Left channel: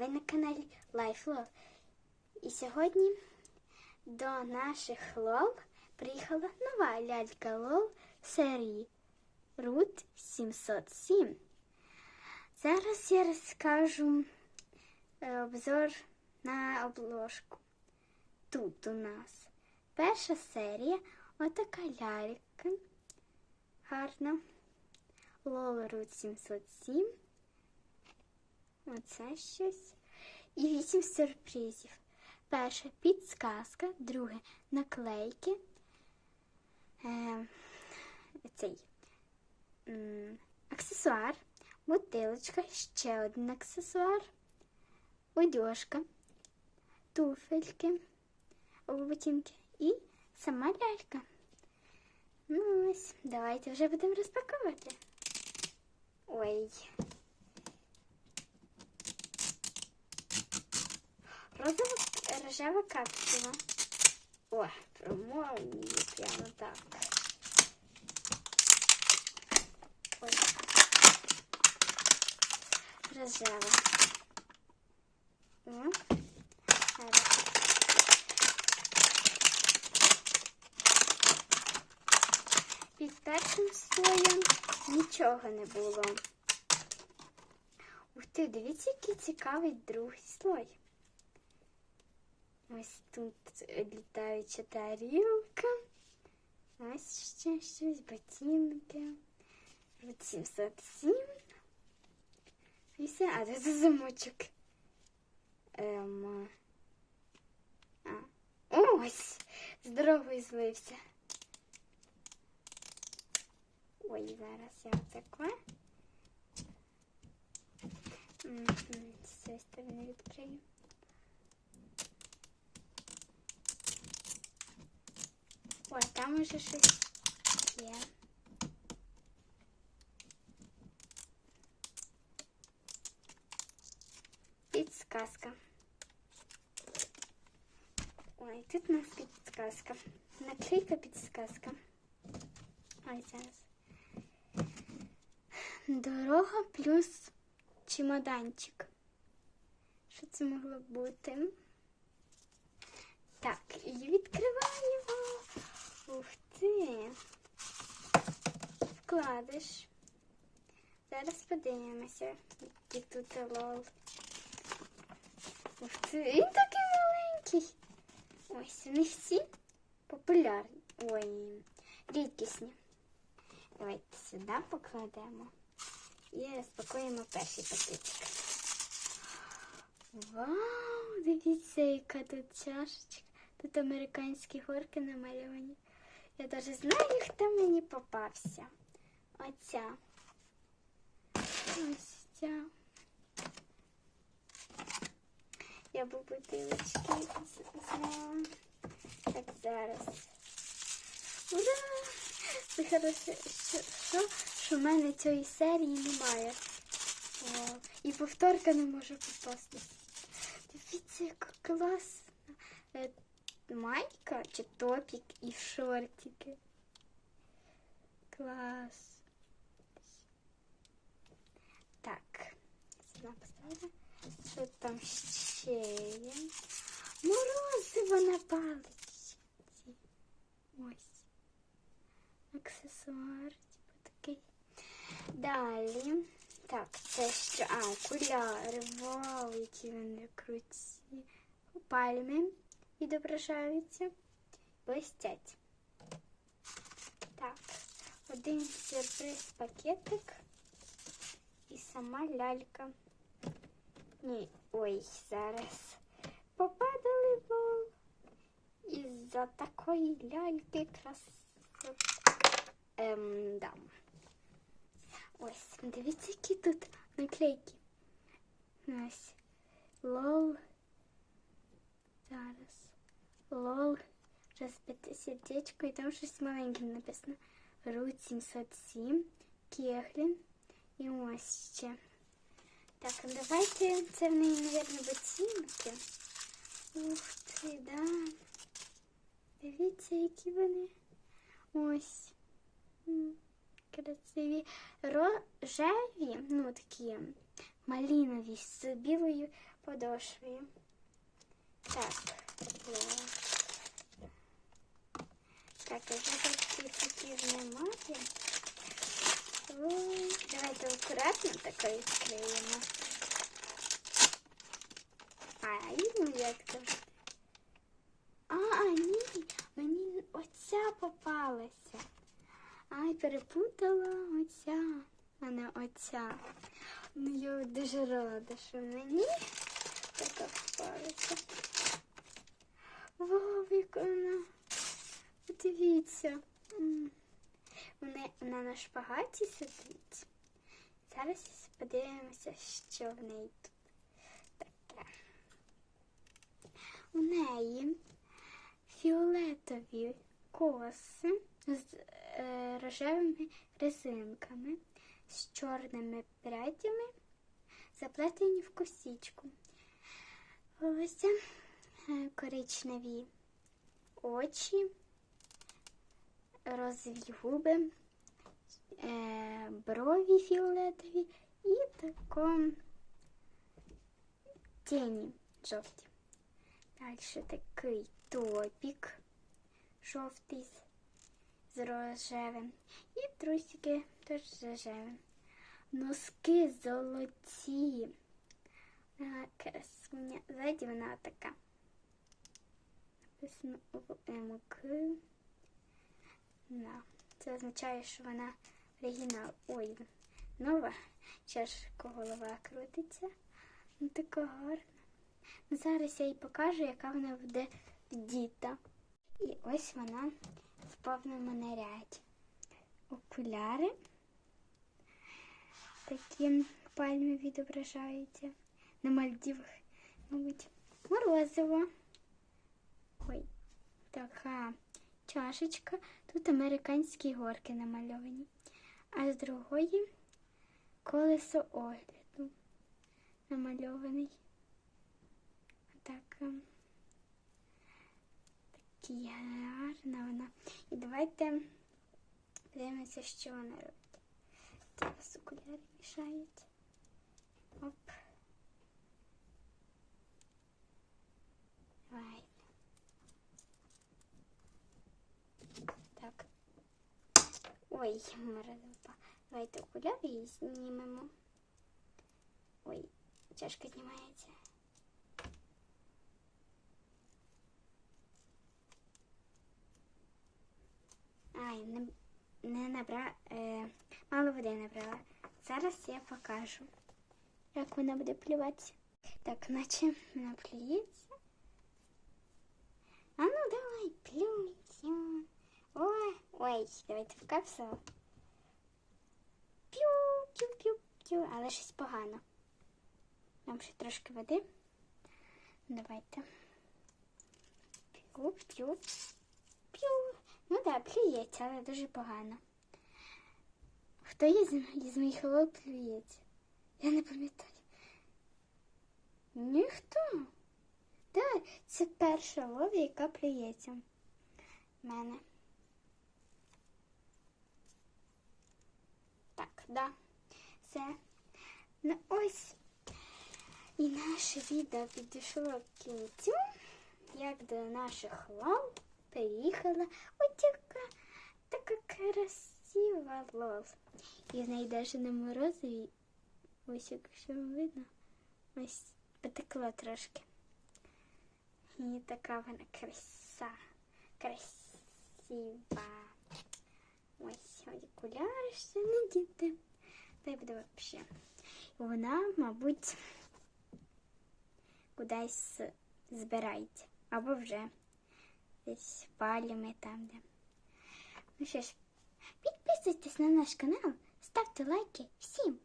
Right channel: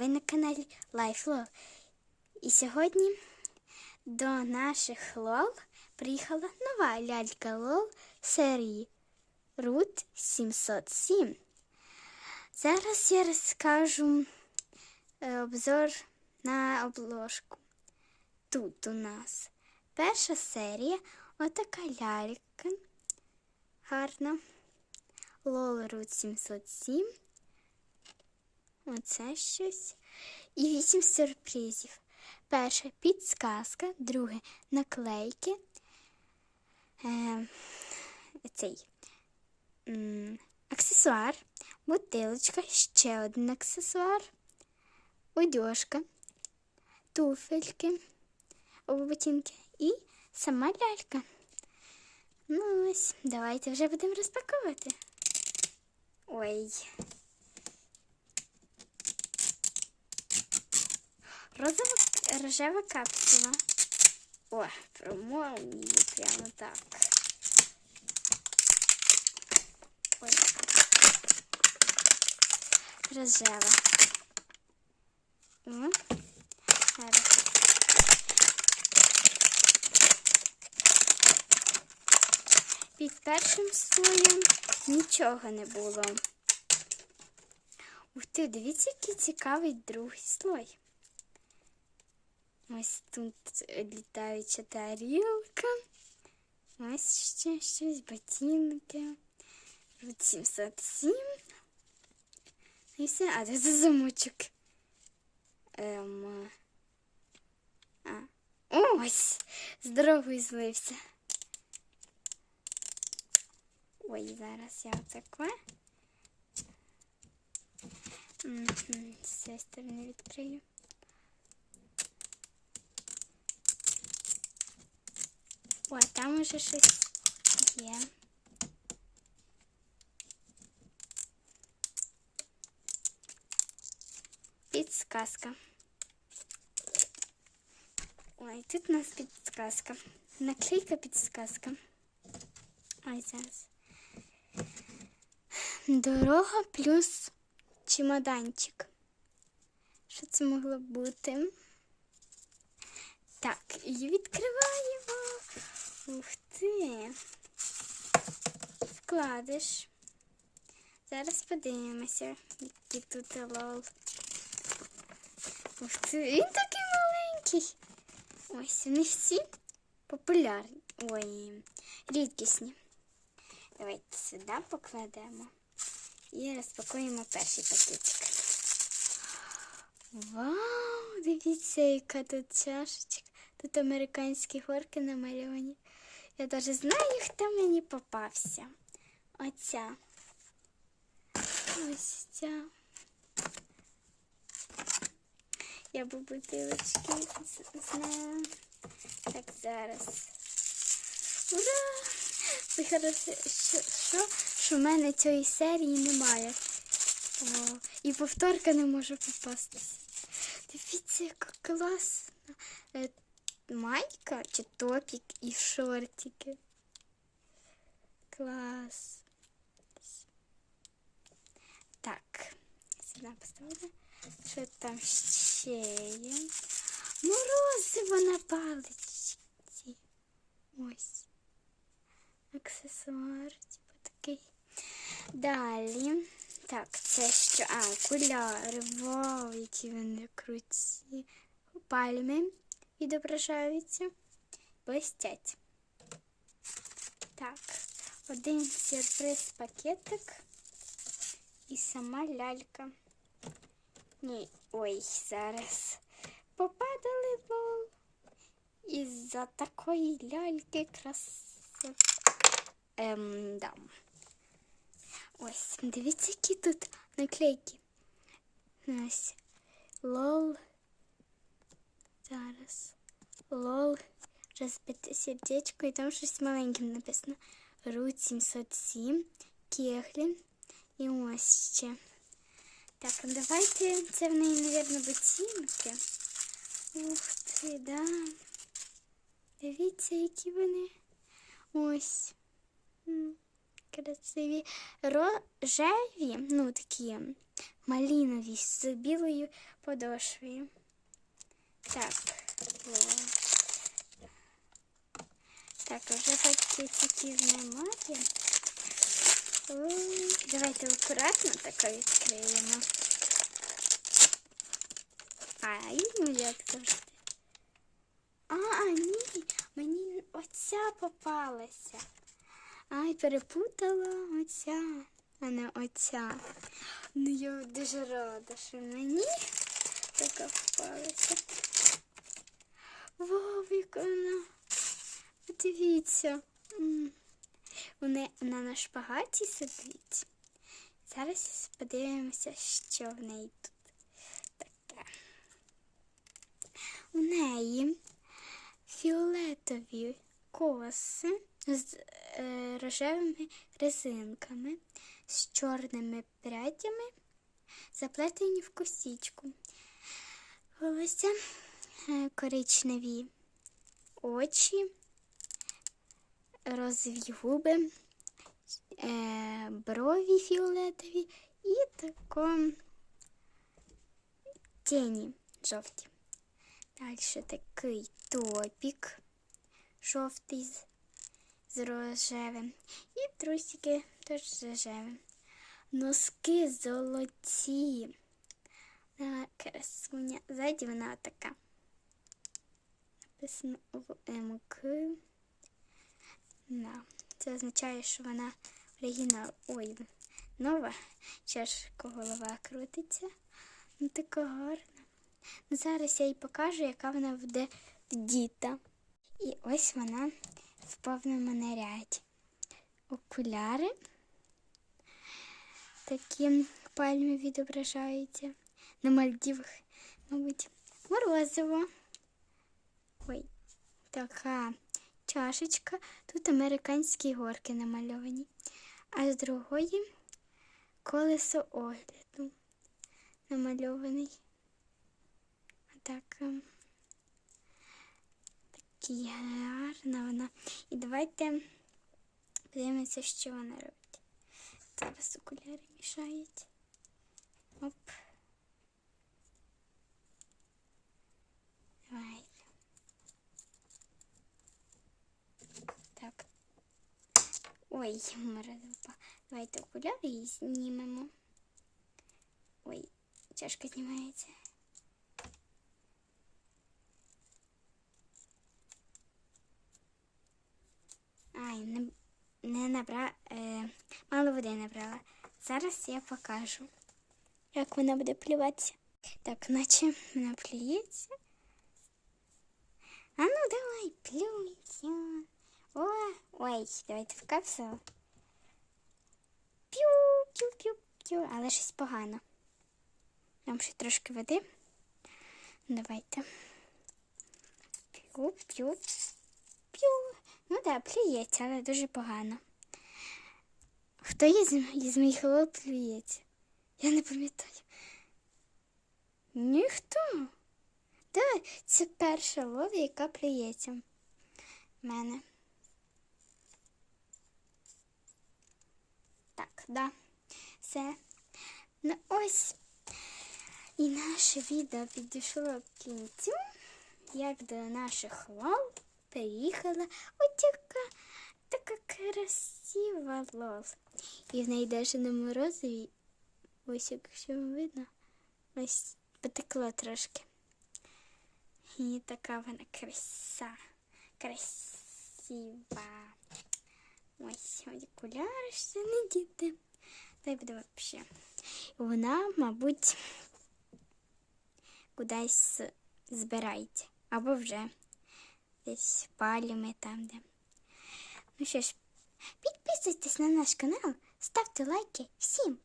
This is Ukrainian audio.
Ви на каналі Life Love. І сьогодні до наших лол приїхала нова лялька лол серії Root 707. Зараз я розкажу е, обзор на обложку. Тут у нас перша серія, отака лялька. Гарна. Лол Root 707. Оце щось. І вісім сюрпризів. Перше підсказка, друге наклейки. Е, цей аксесуар, бутилочка, ще один аксесуар, одежка, туфельки, ботинки і сама лялька. Ну ось, давайте вже будемо розпаковувати. Ой. Розова рожева капсула. О, промов її прямо так. Ой. Рожева. О. Під першим слоєм нічого не було. Ух ти, дивіться, який цікавий другий слой. Ось тут літаюча тарілка. Ось ще щось, ботинки. 707. І все. А, це замочок. Ем. А. Ось! Здоровий злився. Ой, зараз я отаке. З цієї відкрию. О, там уже щось є. Підсказка. Ой, тут у нас підсказка. Наклейка підсказка. Ой, зараз. Дорога плюс чемоданчик. Що це могло бути? Так, і відкриваємо. Ти. Вкладиш. Зараз подивимося, який тут лол. Ух ти, він такий маленький. Ось вони всі популярні. Ой, рідкісні. Давайте сюди покладемо і розпакуємо перший пакетик. Вау, дивіться, яка тут чашечка. Тут американські горки намальовані. Я навіть знаю, хто мені попався. Оця. Ось ця. Я б бутилочки знаю. Так, зараз. Ура! Це що, що, що в мене цієї серії немає. Вау. І повторка не може попастись. Дивіться, яка класна е, майка чи топік і шортики. Клас. Так, сюди поставила. Що там ще є? Морозиво на паличці. Ось. Аксесуар, типу такий. Далі. Так, це що? А, окуляри. Вау, які вони круті. Пальми відображаються. Блестять. Так, один сюрприз пакетик і сама лялька. Ні, ой, зараз попадали лол. Із-за такої ляльки красоти. Ем, да. Ось, дивіться, які тут наклейки. Ось. Лол. Зараз. Лол. Розбите сердечко. І там щось маленьким написано. Рут 707. Кеглі. І ось ще. Так, давайте це в неї, мабуть, ботинки. Ух ти, да. Дивіться, які вони. Ось. Красиві. Рожеві, ну такі малинові з білою подошвою. Так. Так, вже пакетики знімати. Ой, Давайте акуратно так відкриємо. Ай, ну як завжди. А, ні, мені оця попалася. Ай, перепутала оця, а не оця. Ну я дуже рада, що мені така попалася. Яка вона. Вона, вона на шпагаті сидить. Зараз подивимося, що в неї тут таке. У неї фіолетові коси з е, рожевими резинками, з чорними прядями, заплетені в косічку. Волосся коричневі очі, розові губи, е, брові фіолетові і тако тіні жовті. Далі такий топік жовтий з, рожевим. І трусики теж рожевим. Носки золоті. А, красуня. Ззаді вона така. Написано МК. Да. Це означає, що вона оригінал. Ой, нова. Чашка голова крутиться. Ну така гарна. Ну, зараз я їй покажу, яка вона буде вдіта. І ось вона в повному наряді. Окуляри. Такі пальми відображаються. На Мальдівах, мабуть, морозиво. Ой, така чашечка. Тут американські горки намальовані. А з другої колесо огляду намальований. Так, ем, такі гарна вона. І давайте подивимося, що вона робить. Зараз окуляри мішають. Оп. Давай. Так. Ой, морозива. Давайте окуляри і знімемо. Ой, чашка знімається. Ай, не, не набра... Е, мало води набрала. Зараз я покажу, як вона буде плюватися. Так, наче вона плюється. А ну давай, плюй, плюй. О, ой, давайте в капсулу. П'ю, п'ю, п'ю, п'ю, але щось погано. Нам ще трошки води. Давайте. П'ю, п'ю, п'ю. Ну так, да, плюється, але дуже погано. Хто із, із моїх лол плюється? Я не пам'ятаю. Ніхто. Так, це перша лола, яка плюється в мене. Так, да. Все. Ну ось. І наше відео підійшло к кінцю, як до наших лол приїхала отяка така красива лол. І в неї навіть на морозиві, ось якщо видно, ось потекло трошки. І така вона краса, красива. Ось окуляри ще не діти. Та й буде взагалі. Вона, мабуть, кудись збирається. Або вже десь паліми там, де. Ну що ж, підписуйтесь на наш канал, ставте лайки. Всім